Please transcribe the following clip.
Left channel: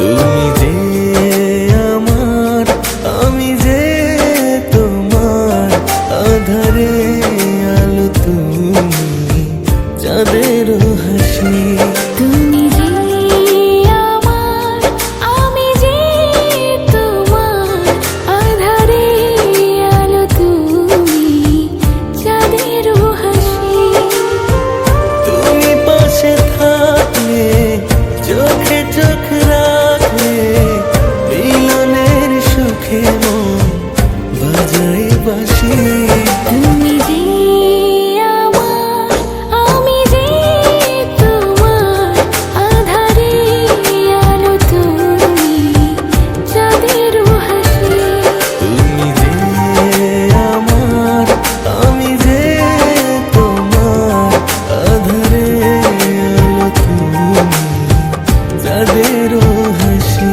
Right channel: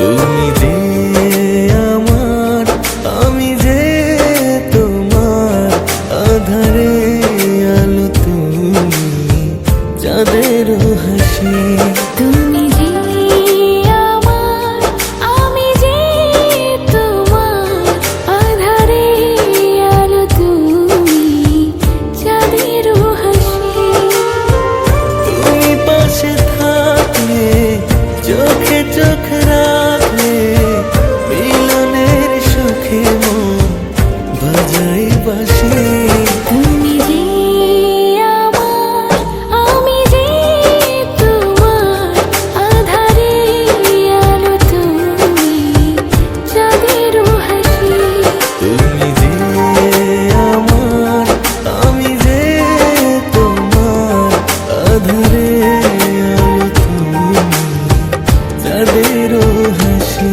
তুমি যে আমার, আমি যে তোমার, আধারে আলো তুমি, চাঁদের হাসি। তুমি যে আমার, আমি যে তোমার, আধারে আলো তুমি, চাঁদের হাসি। তুমি পাশে থাকলে, চোখে চোখ রাখলে, মিলনের সুখে মন বাজাই বাঁশি। তুমি যে আমার, আমি যে তোমার, আধারে আলো তুমি, চাঁদের হাসি। তুমি যে আমার, আমি যে তোমার, আধারে আলো তুমি, চাঁদের হাসি।